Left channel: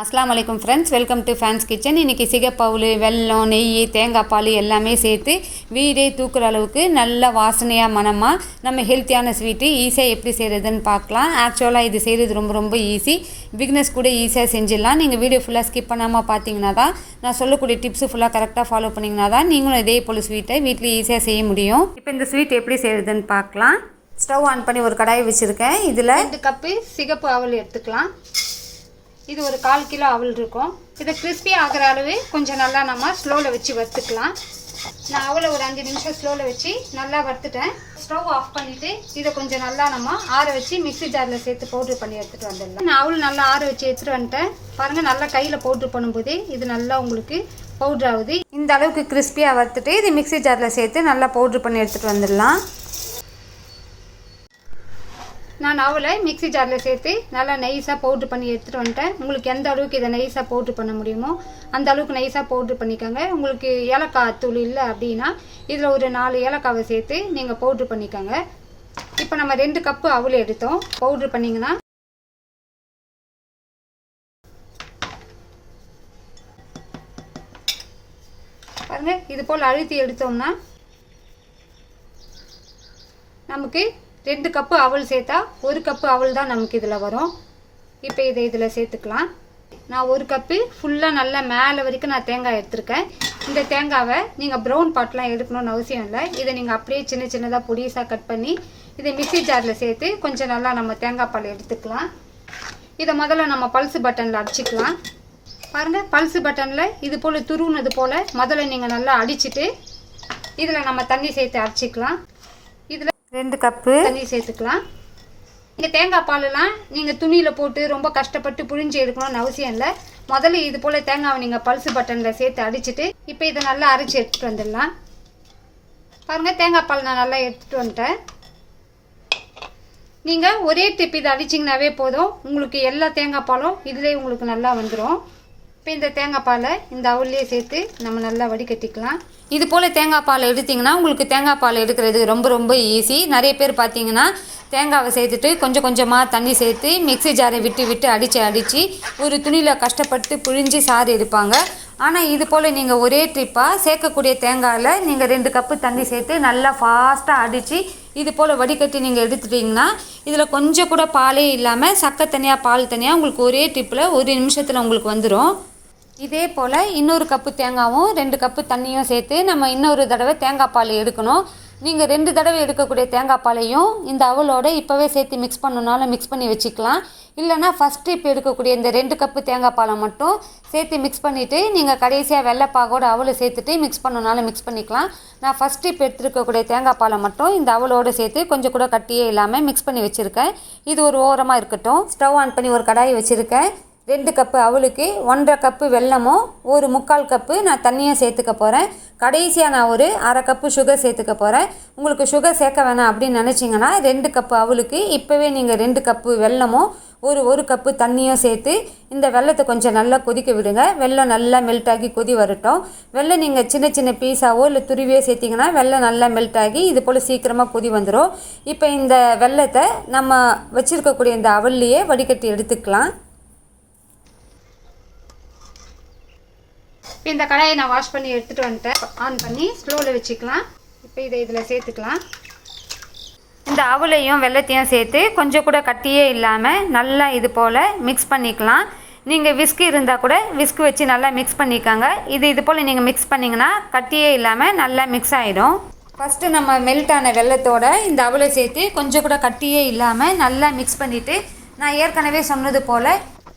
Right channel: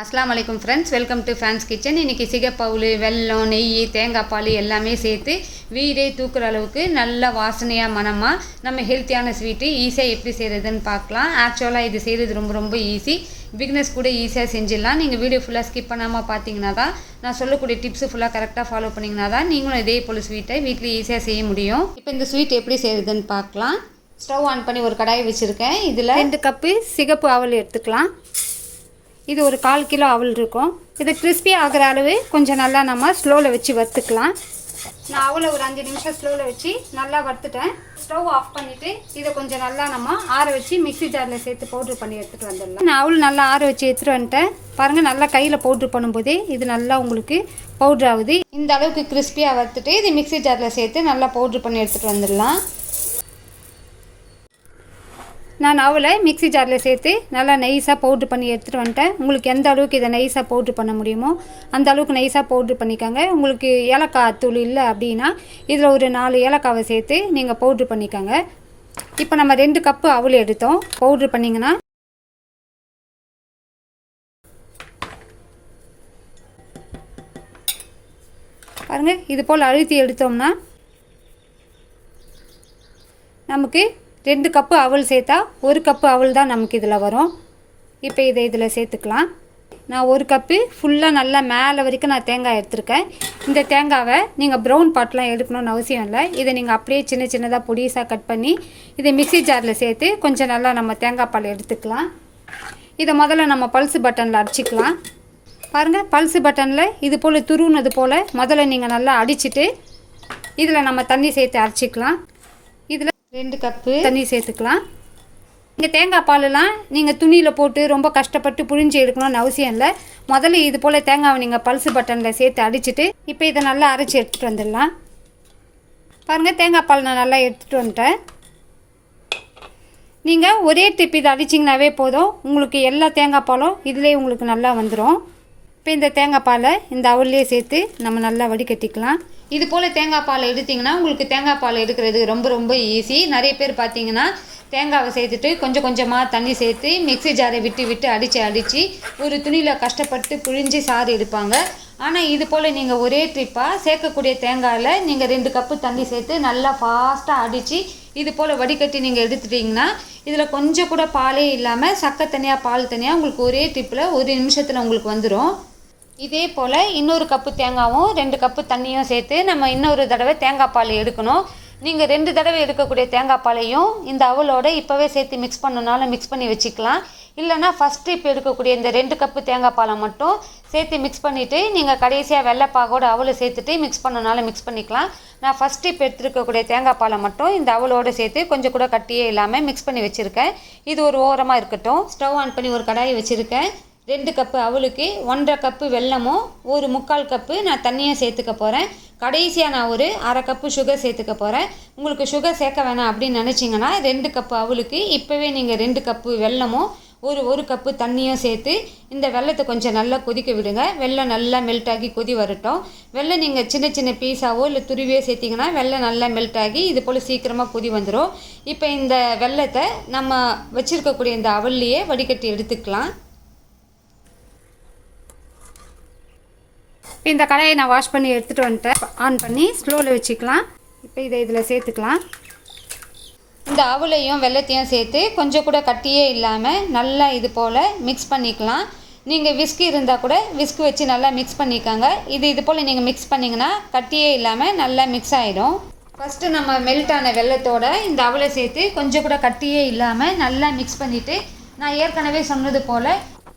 அஸ்லாம் வலைக்கம் friends welcome to fans kitchen இன்றைக்கி சிகப்பவுல் வெல்லம் நெய் தேங்காய் பால் எல்லாமே சேர்த்து வீடே தூக்குற அளவுக்கு நல்ல வாசனையாக மனமாக நம்ம ஹெல்த்தியான ஸ்வீட்டு ஈஸியாக எப்படி செய்கிறதுன்னு பார்க்கலாம். ஆக்சுவலாக இது செய்கிறது ரொம்ப ரொம்ப ஈஸி பிக்னஸ் கூட ஈஸியாக செஞ்சிடலாம். நீங்கள் வீடியோ ஃபுல்லாக ஸ்கிப் பண்ணாமல் பார்த்தீங்கன்னா தான் நான் சொல்லக்கூடிய டிப்ஸு ஃபுல்லாக கரெக்டாக ஃபாலோ பண்ணிங்கன்னா தான் நீங்களும் இதே போல் ஸ்வீட்டை வீட்டில் ஈஸியாக செய்ய முடியும். இப்போ இந்த ஸ்வீட் எப்படி செய்கிறதுன்னு பார்க்கலாம். ஸ்டவ் ஆன் பண்ணி ஒரு கடாயை வச்சுருக்கேன். இதில் ரெண்டு கப்பு சிகப்பு அவல் எடுத்துக்கலாம். இது ஒரு கால் கிலோ அவல் இருக்கும். இது கிறிஸ்பி ஆகிற அளவு கொஞ்சம் நல்லா நம்ம ஸ்லோவில் வச்சு வறுத்துக்கலாம். நான் அவளை ஒரு அஞ்சு நிமிஷம் ஸ்லோவில் வச்சு நல்லா வறுத்துட்டேன். ஸ்டவ் ஆஃப் பண்ணிவிட்டு இதை கொஞ்சம் நல்லா நம்ம ஆற வச்சு மிக்ஸி ஜாரில் சேர்த்து பவுட்ரு பண்ணி எடுத்துகிட்டு வந்துடலாம். நான் அவள் நல்லா ஆற வச்சு எடுத்துகிட்டு வந்துட்டேன். பாருங்கள் நல்லா கையில் பவுட்ரு பண்ணும்போது இது நல்லா உங்களுக்கு பவுட்ரு ஆகுது. இந்த அளவுக்கு கிறிஸ்பியாக வறுத்துட்டு இது மிக்ஸி ஜாரில் சேர்த்து நல்லா பவுட்ரு பண்ணி எடுத்துகிட்டு வந்துடலாம். நான் அவளை மிக்ஸி ஜாரில் சேர்த்து நல்லா நைஸாக பவுட்ரு பண்ணி எடுத்துகிட்டு வந்துட்டேன். உங்களுக்கு எந்த அளவுக்கு இதை நைஸாக பவுட்ரு பண்ண முடியுமோ அந்த அளவுக்கு நைஸாக பவுட்ரு பண்ணிக்கோங்க. உங்களுக்கு ஏலக்காய் தூள் இல்லை அப்படின்னா இதில் ஒரு நாலு ஏலக்காவை சேர்த்து நீங்கள் பவுட்ரு பண்ணிக்கோங்க. இப்போ நம்ம ரெண்டு கப்பு அவள் எடுத்தோம். பவுட்ரு பண்ணிங்கன்னா பாருங்கள் இது போல் அழுத்தி எடுத்தோம்னா நமக்கு ரெண்டு கப்பு அவல் சேர்த்தா ஒரு கப்பு அவல் தான் நமக்கு இதில் வரும். இப்போ இதை இதில் சேர்த்துக்கலாம். நான் ஒரு கப்பு ஃபுல்லாக நல்லா மேலே வரைக்கும் நான் தேங்காய் எடுத்திருக்கேன். இந்த தேங்காவை நீங்கள் ப்ரௌன் பாட்லாம் எடுக்கணும்னு அவசியம் இல்லை. இதை நீங்கள் அப்படியே சின்ன சின்னதாக பொடிசாக கட் பண்ணி இதை மிக்சி ஜாரில் சேர்த்து கொஞ்சம் நல்லா நம்ம தேங்காய் பால் எடுத்துக்கலாம். இதை முதல்ல நம்ம பல்சு பட்டனில் அடிச்சிக்கலாம். பாருங்கள் பல்சு பட்டனில் இது போல் துருவுனது போல் முதல்ல நீங்கள் நல்லா அடிச்சுட்டு இதில் நம்ம தண்ணி சேர்த்து அரைச்சிக்கலாம். ரெண்டு கப்பு. தண்ணி சேர்த்துக்கலாம். இங்கே தேங்காய் பாலெலாம் நீங்கள் துணியில் போட்டு ரொம்ப கஷ்டப்பட்டு புழிஞ்சு எடுக்கணும்னு அவசியம் இல்லை. முதல்ல இது போல் தேங்காவை நீங்கள் பல்சு பட்டனில் சேர்த்து அடிச்சிட்டு இப்போ இதை நல்லா அரைச்சி எடுத்துகிட்டு வந்துடலாம். பாருங்கள் தேங்காய் பால் நான் நல்லா எடுத்துகிட்டு வந்துட்டேன். நீங்கள் ஒரே டிப் இதை அடிச்சிங்கனாவே போதும். உங்களுக்கு எல்லா தேங்காய் பாலும் இதிலே உங்களுக்கு நல்லா வந்துடும் இப்போ இந்த தேங்காய் பாலை இந்த அவல்லையே சேர்த்து நம்ம நல்லா வடிகட்டிக்கலாம். இது போல் தேங்காய் பால் எடுத்திங்கன்னா உங்களுக்கு தேங்காய் பால் எடுக்கிறது ரொம்ப ரொம்ப ஈஸி நிறைய பேர் பார்த்தீங்கன்னா தேங்காவை சேர்த்துட்டு கொஞ்சம் கொஞ்சமாக தண்ணி சேர்த்து மிக்ஸி ஜாரை விட்டு விட்டு அடித்து அடித்து ஒரு துணியில் கஷ்டப்பட்டு புழிஞ்சு சாறு எடுப்பாங்க. ஆனால் இது போல் நீங்கள் ஒரே ட்ரிப்பாக சேர்க்கக்கூடிய தேங்காயில் நீங்கள் ரெண்டு கப்பு தண்ணி சேர்த்து நல்லா ஃபாஸ்ட்டாக அடித்து இது போல் வடிகட்டி நீங்கள் எடுத்துட்டிங்கன்னா இதில் கொஞ்சம் கூட பாலே இல்லாமல் சக்கை தனியாக பால் தனியாக உங்களுக்கு ஒரே ட்ரிப்பில் ஒரு நிமிஷத்தில் உங்களுக்கு வந்துடும் இதே போல் இன்னொரு கப்பு தேங்காவும் ரெண்டு கப்பு தண்ணியும் சேர்த்து நம்ம இன்னொரு தடவை தேங்காய் பால் எடுக்கணும். நீங்கள் ரெண்டு தடவை எடுக்கக்கூடிய தேங்காய் பாலையும் இந்த அவலோட இப்போவே சேர்த்து மிக்ஸ் பண்ணனாலும் மிக்ஸ் பண்ணி வச்சுக்கலாம். இல்லைனா ஃபஸ்ட்டு இப்போ எடுக்கக்கூடிய இந்த ரெண்டு கப்பு தேங்காய் பாலை மட்டும் சேர்த்து மிக்ஸ் பண்ணிவிட்டு நீங்கள் கடைசியாக வெள்ளைப்பாகோட அவலை சேர்த்துட்டு மிக்ஸ் பண்ணனாலும் மிக்ஸ் பண்ணிக்கலாம். நான் ஃபஸ்ட்டு இப்போ எடுத்துருக்கக்கூடிய தேங்காய் பாலை மட்டும் இந்த அவலோடு சேர்த்து கொஞ்சம் கூட கட்டியே இல்லாமல் மிக்ஸ் பண்ணி வச்சுருக்கேன். இது ஒரு ஓரமாக இருக்கட்டும். ஸ்டவ் ஆன் பண்ணி ஒரு கடாயை வச்சுருக்கேன். ரெண்டு கப்பு அவளுக்கு ஒன்றரை கப்பு வெல்லமும் ஒரு முக்கால் கப்பு நான் தண்ணியும் சேர்த்துக்க போகிறேன் கடைசியாக நான் ஒரு அரை கப்பு சுகர் சேர்த்துக்க போகிறேன் உங்களுக்கு சுகர் சேர்க்க வேணாம் அப்படின்னு நினச்சிங்கன்னா ரெண்டு கப்பு அவளுக்கு இப்போவே நீங்கள் ரெண்டு கப்பு வெல்லமும் ஒரு ஒரு கப்பு தண்ணியும் சேர்த்து இந்த வெள்ளத்தை கொஞ்சம் நல்லா கொதிக்க விடுங்க. வெள்ளம் நல்லா மெல்ட் ஆகி கொதி வரட்டும். வெள்ளம் நீங்கள் சின்ன சின்ன பீஸாவோ இல்லை துருவியோ சேர்த்திங்கன்னா வெள்ளம் நல்லா மெல்ட் ஆகி இது போல் சீக்கிரமாக கொதி வந்துடும் இப்போ இந்த வெள்ளத்தை நம்ம வச்சுருக்கக்கூடிய இந்த அவல்லையே வடிகட்டி எடுத்துக்கலாம். இந்த கடாயை நான் வாஷ் பண்ணி எடுத்துகிட்டு வந்துட்டேன். ஆன் பண்ணி ஸ்லோவில் வச்சுக்கலாம். இப்போ இதை இதில் சேர்த்துக்கலாம். இந்த அவலையும் வெள்ளத்தையும் சேர்த்து கொஞ்சம் கூட கட்டியே இல்லாமல் நல்லா இது போல் மிக்ஸ் பண்ணிக்கலாம். நீங்கள் விஸ்கு இருந்தால் கூட விஸ்கு வச்சு நல்லா மிக்ஸ் பண்ணிக்காங்க. இது இது போல் நீங்கள் மிக்ஸ் பண்ணிங்கன்னா கட்டியே இல்லாமல் நல்லா மிக்ஸ் ஆகிடும் ஃபஸ்ட்டு நம்ம மெல்ட் ஆன வெள்ளத்தோட இந்த அவலை சேர்த்து கொஞ்சம் கூட கட்டியே இல்லாமல் நல்லா மிக்ஸ் பண்ணிவிட்டு நான் ஏற்கனவே சொன்னது போல்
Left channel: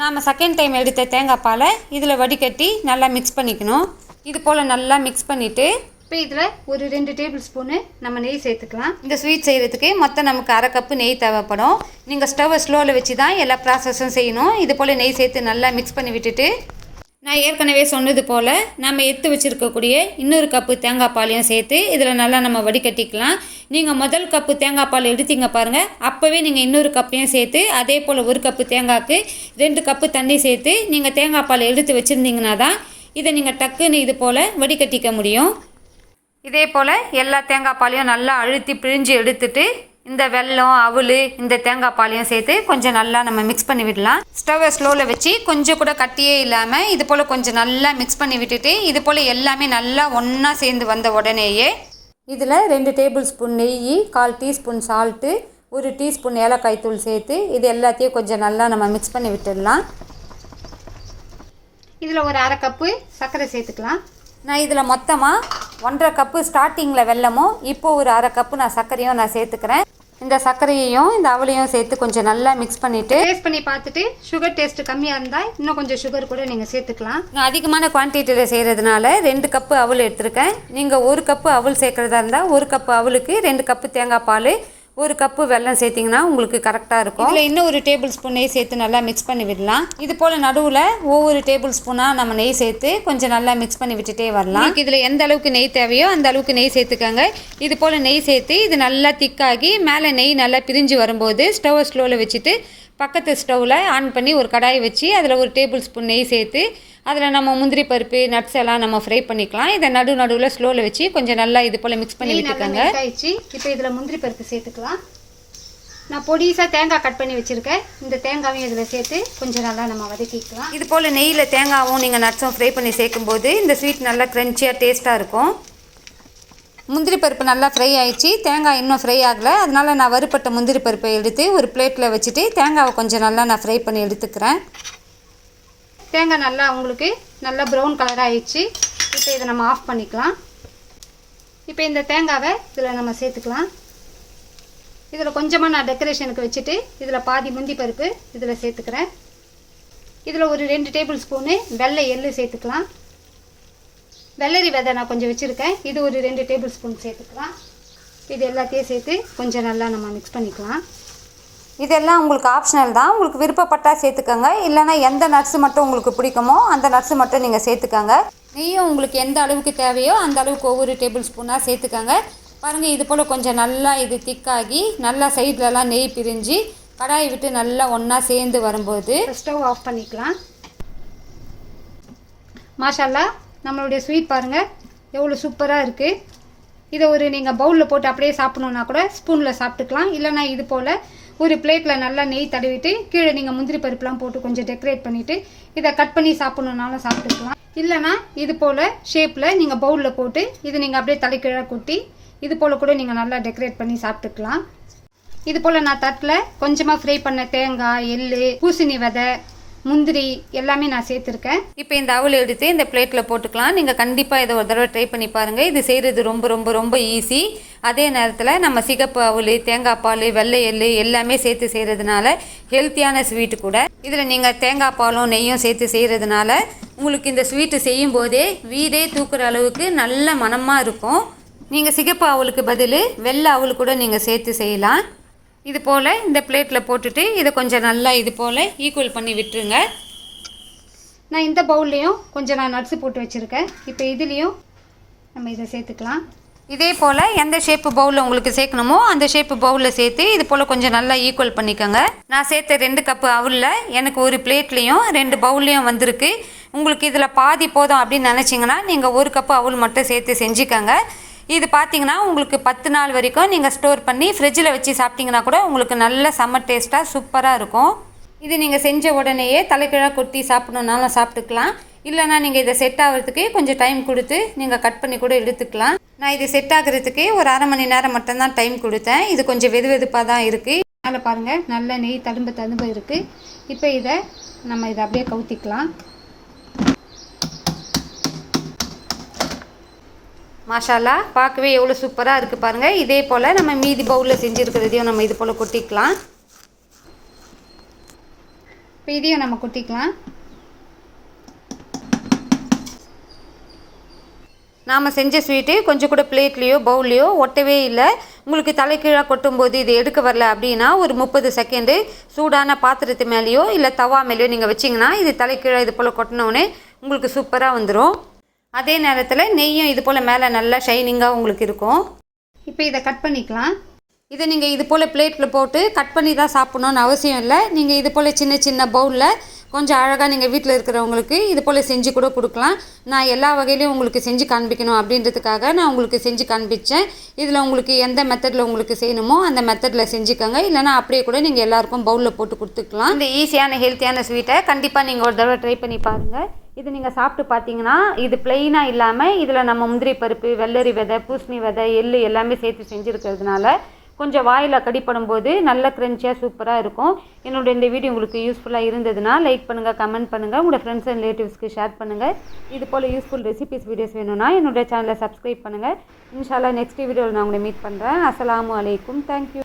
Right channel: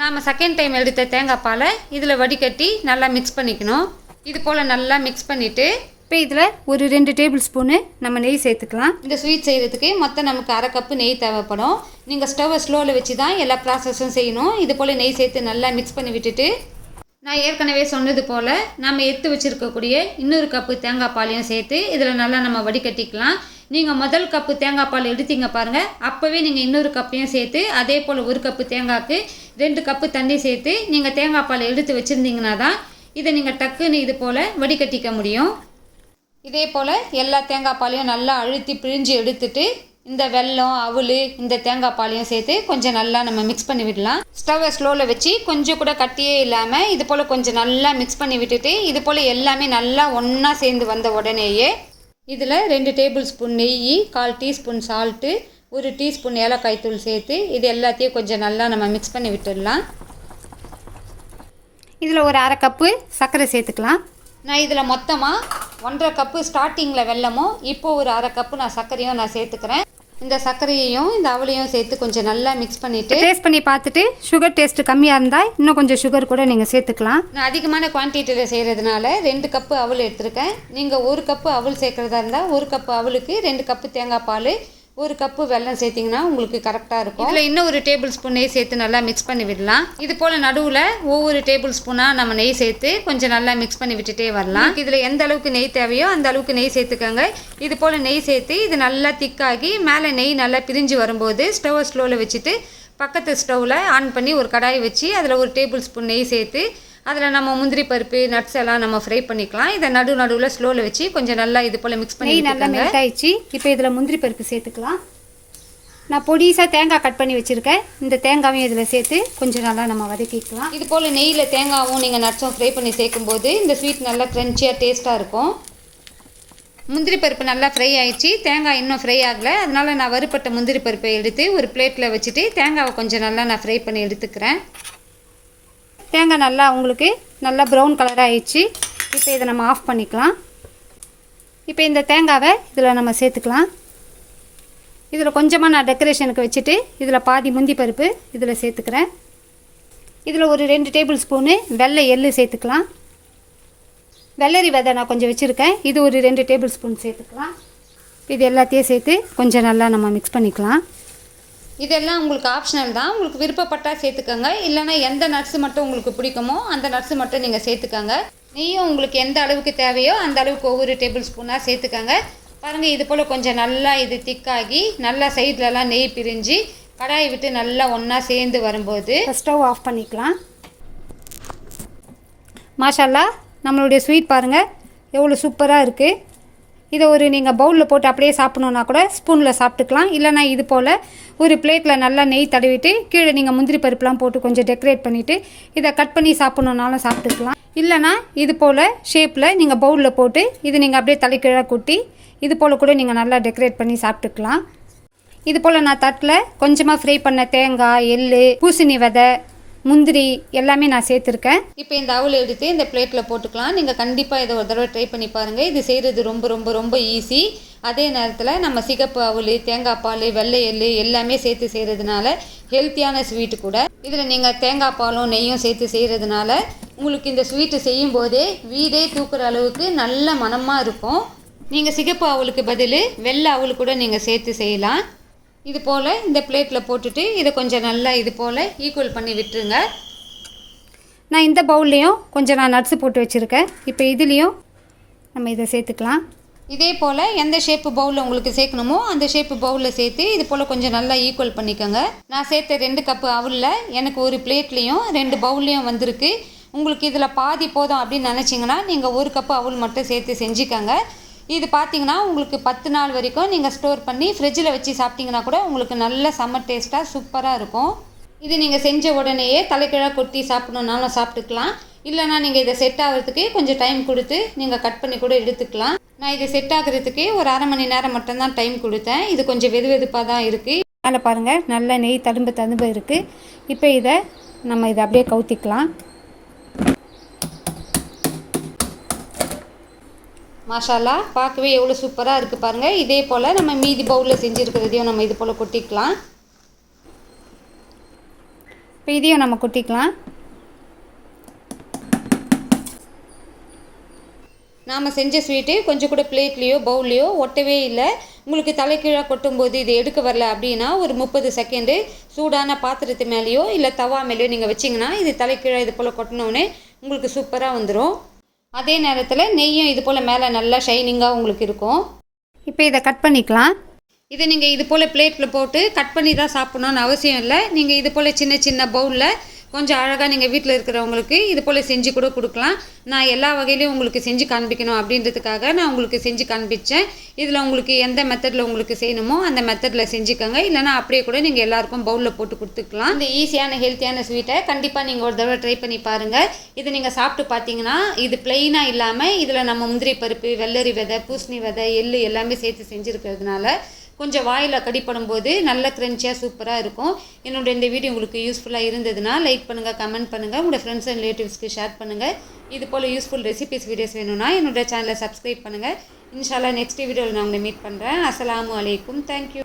நாம் செகண்ட் டைம் எடுத்த தேங்காய் பாலை இதில் வடிகட்டி நல்லா மிக்ஸ் பண்ணிக்கணும். இது போல் நல்லா மிக்ஸ் பண்ணிவிட்டு இப்போ இதில் ஒரு ரெண்டு டேபிள் ஸ்பூனு நம்ம நெய் சேர்த்துக்கலாம். இந்த ஸ்வீட் செய்கிறதுக்கு மொத்தம் நமக்கு அரை கப்பு நெய் தேவைப்படும். நீங்கள் ஸ்டவ்வை ஸ்லோவில் வச்சு தான் எல்லா ப்ராசஸும் செய்யணும். இது போல் நெய் சேர்த்து நல்லா மிக்ஸ் பண்ணி விட்டுட்டு நான் ஏற்கனவே சொன்னது போல் நம்ம எடுத்து வச்சுருக்கக்கூடிய இன்னொரு கப்பு தேங்காய் பாலையும் சேர்த்து இதில் நல்லா நம்ம வடிகட்டிக்கலாம். நீங்கள் முதல் கப்பு தேங்காய் பால் எடுத்தீங்க பாருங்கள் அப்போவே நீங்கள் இன்னொரு கப்பையும் சேர்த்து அதே போல் ஒரு கப்பு தேங்காய்க்கு ரெண்டு கப்பு தண்ணி சேர்த்து நீங்கள் தேங்காய் பால் எடுத்து வச்சுருந்தீங்கன்னா தான் இதை நீங்கள் டக்குன்னு இது போல் வடிகட்டிக்க முடியும். இதே போல் எல்லா தேங்காய் பாலையும் நல்லா அழுத்தி பிழிஞ்சு எடுத்துட்டு இந்த வெல்லம் அவல் இந்த தேங்காய் பாலையும் சேர்த்து கொஞ்சம் நல்லா நம்ம மிக்ஸ் பண்ணி விடலாம். ஸ்டவ்வை ஸ்லோவில் வச்சு கொஞ்சம் கூட கட்டியே இல்லாமல் இது போல் கொஞ்சம் நல்லா மிக்ஸ் பண்ணி விட்டுட்டு இது போல் எல்லாமே நல்லா ஒன்றா சேர்ந்து வந்த உடனேயே இதில் ரெண்டு டேபிள் ஸ்பூன் நெய் கால் டீஸ்பூன் சால்ட்டு ஒரு டீஸ்பூன் ஏலக்காய் தூள் சேர்த்து இது எல்லாத்தையும் கொஞ்சம் நல்லா நம்ம மிக்ஸ் பண்ணி விட்டுடலாம். இதில் ஒரு அரை கப்பு சர்க்கரை சேர்த்துக்கலாம். நான் இதில் மொத்தமாக ஒன்றரை கப்பு ஸ்டார்டிங்கில் வெல்லமும் இப்போ ஒரு அரை கப்பு நான் சர்க்கரையும் நான் சேர்த்துக்கிறேன். இந்த சர்க்கரையையும் இந்த அவளையும் சேர்த்து கொஞ்சம் நல்லா மிக்ஸ் பண்ணிவிட்டு டேஸ்ட் பண்ணி பார்த்துட்டு சுகர் டேஸ்ட் கம்மியாக இருந்தால் இன்னும் கொஞ்சம் சுகர் கூட நீங்கள் சேர்த்துக்கலாம். நான் அதிகமான குவான்டிட்டியில் செய்கிறதுனால ரெண்டு கப்பு அவல் எடுத்திருக்கேன். நீங்கள் ஒரு கப்பு அவல் சேர்க்குறதா இருந்தால் ஒரு கப்பு அவலுக்கு ரெண்டு கப்பு தேங்காய் பால் ஒரு கப்பு வெல்லம் சேர்த்திங்கன்னா உங்களுக்கு கரெக்டாக இருக்கும். இதில் இன்னும் ஒரு டேபிள் ஸ்பூன் நெய் சேர்த்து நல்லா மிக்ஸ் பண்ணி விடலாம். இது போல் நடுவில் ஒவ்வொரு டேபிள் ஸ்பூனாக நம்ம நெய் சேர்த்து கொஞ்சம் நல்லா மிக்ஸ் பண்ணி விட்டுட்டே வரலாம். இதில் எந்த அளவுக்கு நெய் தேவையோ அந்த அளவுக்கு நெய் சேர்த்துக்கோங்க. இது போல் நெய் சேர்த்து இது நல்லா திக்காகி மேலே நெய் நல்லா பிரிஞ்சு வரும்போது ஸ்டவ்வை ஸ்லோவில் வச்சுட்டு பக்கத்து ஸ்டவ்வில் ஆன் பண்ணி ஒரு கடாயை வச்சு அதில் ஒரு டேபிள் ஸ்பூன் நெய் சேர்த்து அதில் நம்ம முந்திரி பருப்பு நட்ஸ் எல்லாம் நம்ம ஃப்ரை பண்ணிக்கலாம். இதை நடு நடுவில் ஸ்லோவில் வச்சு கொஞ்சம் நல்லா இது போல் மிக்ஸ் பண்ணி விட்டுக்கோங்க ஆயிடுச்சு. இப்போ இதில் முந்திரி பருப்பு சேர்த்துக்கலாம். நான் பொடிசாக தேங்காய் கட் பண்ணி வச்சுருக்கேன். இந்த தேங்காவையும் இதில் சேர்த்து கொஞ்சம் நல்லா நம்ம வதக்கிக்கலாம். இது போல் நெய்யில் தேங்காவும் நீங்கள் நட்ஸும் ஃப்ரை பண்ணி சேர்க்கும்போது இந்த ஸ்வீட் நல்லா க்ரன்ச்சியாக டேஸ்ட்டாக இருக்கும். முந்திரி பருப்பு நல்லா ஃப்ரை ஆயிடுச்சு. தேங்காய் இன்னும் ஃப்ரை ஆகலை. அதனால நான் வறுப்பட்ட முந்திரி பருப்பை எடுத்து ஒரு பிளேட்டில் வச்சுட்டு தேங்காவை கொஞ்சம் நல்லா நான் ஃப்ரை பண்ணி எடுத்துக்கிறேன். தேங்காய் நல்லா உங்களுக்கு நல்லா ப்ரௌன் கலர் ஆயிடுச்சு. இப்போ இதை நம்ம ஆஃப் பண்ணிக்கலாம். இப்போ இந்த தேங்காவை இதில் நம்ம சேர்த்துக்கலாம். இதில் கொஞ்சமாக நான் டெக்கரேஷனுக்கு வச்சுட்டு இதில் பாதி முந்தி பருப்பு இதில் சேர்த்துக்கிறேன். இதில் ஒரு ரெண்டு டேபிள் ஸ்பூனு வெள்ளை எள்ளு சேர்த்துக்கலாம். வெள்ளரி விதை நான் கொஞ்சம் வச்சுருக்கேன். இது ஒரு ரெண்டு டேபிள் ஸ்பூன் சேர்த்துக்கலாம். இது எல்லாத்தையும் சேர்த்து கொஞ்சம் நல்லா நம்ம மிக்ஸ் பண்ணிக்கலாம். இதெல்லாம் உங்களுக்கு ஆப்ஷனல் தான். உங்களுக்கு விருப்பப்பட்டால் சேர்த்துக்கோங்க. இல்லைனா எந்த நட்ஸு மட்டும் உங்களுக்கு பிடிக்குமோ அந்த நட்ஸு மட்டும் நீங்கள் சேர்த்துக்கோங்க. நெய்யும் உங்களுக்கு எந்த அளவுக்கு தேவையோ அந்த அளவுக்கு ஒவ்வொரு டேபிள் ஸ்பூனாக சேர்த்துக்கோங்க. பாருங்கள் இது போல் கொஞ்சம் நல்லா இது திக்காகி நல்லா சைட்லலாம் நெய் பிரிஞ்சு கடாயை விட்டு நல்லா ஒன்றா சேர்ந்து வரும்போது ஸ்டவ் ஆஃப் பண்ணிக்கலாம். மாஷால்லா நம்மளுடைய ஸ்வீட் பாருங்கள் எவ்வளோ சூப்பராக இருக்குது இதை ஒரு நீங்கள் பவுலில் போட்டு அப்படியே சாப்பிட்ணுன்னா கூட ஸ்பூனில் சாப்பிட்டுக்கலாம். இல்லைனா இது போல் ஒரு பிளேட்டில் நல்லா நெய் தடவிட்டு கீழே நீங்கள் முந்திரி பருப்புலாம் போட்டு கொஞ்சம் டெக்கரேட் பண்ணிவிட்டு இதை கட் பண்ணி சாப்பிட்ணுன்னாலும் சாப்பிட்டுக்கலாம். இல்லைனா இது போல் ஷேப்பில் நீங்கள் பவுலில் போட்டு இது நீங்கள் அப்படியே தலைக்கீழாக கொட்டி இது போல் கூட நீங்கள் நல்லா டெக்கரேட் பண்ணி சாப்பிட்டுக்கலாம். இது போல் நான் தட்டில் கொஞ்சமாக ஃப்ரை பண்ண தேங்காய் எள் பூசணி விதை முந்திரி எல்லாமே நான் சேர்த்துருக்கேன். இப்போ இந்த அவல் எடுத்து இந்த பிளேட்டில் போட்டுக்கலாம். நீங்கள் கண்டிப்பாக இதை ஒரு தடவை ட்ரை பண்ணி பாருங்கள் இது செய்கிறது ரொம்ப ரொம்ப ரொம்ப ஈஸி அதே நேரத்தில் நம்ம சிகப்பு அவல் தேங்காய் பால் வெள்ளை எள்ளு எல்லாமே சேர்த்து செய்கிறதுனால ஹெல்த்தியான ஸ்வீட்டு கூட. இதில் நீங்கள் தேங்காய் பாலும் நெய்யும் சேர்த்து செய்கிறதுனால உங்களுக்கு இந்த ஸ்வீட்டு செய்யும் போதே வீடே தூக்குற அளவுக்கு நல்ல மனமாக இருக்கும். நீங்கள் சிகப்பு அவலுக்கு பதில் வெள்ளை அவல் கூட நீங்கள் சேர்த்து செய்யலாம். இது போல் இந்த பிளேட்டில் போட்டுட்டு இதை கொஞ்சம் நல்லா இது போல் ஈக்குவல் பண்ணி விட்டுருங்க. நான் இந்த பவுல்லையும் கொஞ்சம் நான் நட்ஸு போட்டு வச்சுருக்கேன். இப்போ இதுலேயும் நம்ம இதை சேர்த்துக்கலாம். இதே போல் எந்த ஷேப்பு பவுலில் உங்களுக்கு சேர்க்கணுமோ அந்த ஷேப்பு பவுலில் சேர்த்து இது போல் கொஞ்சம் நல்லா ஈக்குவல் பண்ணிக்கோங்க. நான் சேர்த்த ரெண்டு கப்பு அவுலில் எனக்கு ஒரு பிளேட்லேயும் ரெண்டு பவுல்லையும் வந்திருக்கு. உங்களுக்கு இதில் பாதி போதும் அப்படின்னு நினச்சிங்கன்னா நீங்கள் ஒரு கப்பு அவுல் மட்டும் சேர்த்து செஞ்சுக்கோங்க. இது பார்த்தீங்கன்னா உங்களுக்கு பத்து நாள் வரைக்கும் நீங்கள் ஸ்டோர் பண்ணி ஃப்ரிட்ஜில் வச்சு சாப்பிட்டிங்கன்னா கூட உங்களுக்கு நல்ல சம்மர் டேஸ்ட்டாக சூப்பராக இருக்கும். இது நீங்கள் செஞ்ச உடனேயே தலைக்கீழாக கொட்டி சாப்பிடணுன்னாலும் சாப்பிட்டுக்கலாம். இல்லைனா நீங்கள் இதை செட் ஆகிறதுக்கு கொஞ்சம் டைம் கொடுத்து நீங்கள் கட் பண்ணி கூட எடுத்துக்கலாம். நான் இது செட் ஆகிறதுக்கு ஒரு அரை மணி நேரம் மட்டும்தான் டைம் கொடுத்தேன். இது கொஞ்சம் வெது வெதுப்பாக தான் இருக்குது அதில் பாருங்கள் நல்ல நெய் தழும்பு தழும்பு இருக்குது இப்போ இதை நம்ம இதை அப்படியே கவுத்திக்கலாம். மாஷாலா பார்க்கவே எவ்வளோ சூப்பராக இருக்குது பாருங்கள் இதே போல் நம்ம மீதி பவுலில் செஞ்சுருக்கிறதையும் நம்ம இது போல் கொட்டிக்கலாம். இப்போ இதையும் நம்ம கொட்டிக்கலாம். நாம் செஞ்ச ஸ்வீட்டு கொஞ்சம் கூட பிளேட்லேயோ பவுல்லையோ ஒட்டவே இல்லை. உங்களுக்கு தலைக்கீழாக கொட்டும்போது இது எடுக்க வரல அப்படின்னா ஒரு முப்பது செகண்டு சூடான பாத்திரத்து மேலேயோ இல்லை தவா மேலேயோ நீங்கள் வச்சிங்கன்னா இது தலைக்கீழாக இது போல் கொட்டினோடனே உங்களுக்கு சூப்பராக வந்துடும் அதே நேரத்தில் நெய்யும் இது போல் மேலே நல்லா ஷைனிங்காக உங்களுக்கு இருக்கும். இப்போ இதை கட் பண்ணிக்கலாம். இதை நீங்கள் இது போல் பிளேட்டில் போட்டு கட் பண்ணி தான் சாப்பிட்ணுன்னு அவசியம் இல்லை. நீங்கள் இது போல் சின்ன சின்ன பவுலில் கொஞ்சம் அழகாக நீங்கள் வீட்டில் இருக்கிறவங்களுக்கு இது போல் செஞ்சு கூட கொடுக்கலாம். நான் எல்லா வகையிலையும் உங்களுக்கு செஞ்சு காண்பிக்கணும் அப்படின்றதுக்காக நான் உங்களுக்கு செஞ்சு காண்பிச்சேன். இதில் உங்களுக்கு எந்த மெத்தடில் உங்களுக்கு செய்யணுமோ அந்த மெத்தடில் செஞ்சுக்கோங்க. இல்லைனா அப்படியே கூட நீங்கள் எல்லாருக்கும் பவுலில் போட்டு கொடுத்துக்கலாம். இந்த ஈஸியான ஹெல்த்தியான ஸ்வீட்டை கண்டிப்பாக நீங்கள் ஒரு தடவை ட்ரை பண்ணி பாருங்கள் இது நீங்கள் சாப்பிட்டு பார்த்தீங்கன்னா இது பிளெயினாக இல்லாமல் இதில் நம்ம முந்திரி பருப்பு வெள்ளரி விதை பூசணி விதை எள்ளு எல்லாமே சேர்த்து செஞ்சுருக்கிறதுனால கொஞ்சம் வாயில் கடிப்படும் போது நல்ல க்ரன்ச்சியாக சூப்பராக இருக்கும். என்னோட இந்த வீடியோ உங்களுக்கு யூஸ்ஃபுல்லாக இருந்ததுன்னா லைக் பண்ணுங்கள் கமெண்ட் பண்ணுங்கள் உங்களோட ஃப்ரெண்ட்ஸ் அண்ட் ரிலேட்டிவ்ஸ்க்கு ஷேர் பண்ணுங்கள் இது போல் யூஸ்ஃபுல் ரெசிபிஸ் வீடியோஸ் வேணும்னா என்னோட சேனலை சப்ஸ்கிரைப் பண்ணுங்கள் இன்ஷால்லா நெக்ஸ்ட் வீடியோவில் நான் உங்களை மீட் பண்ணுறேன் அஸ்லாம் அலைக்கும். தேங்க்யூ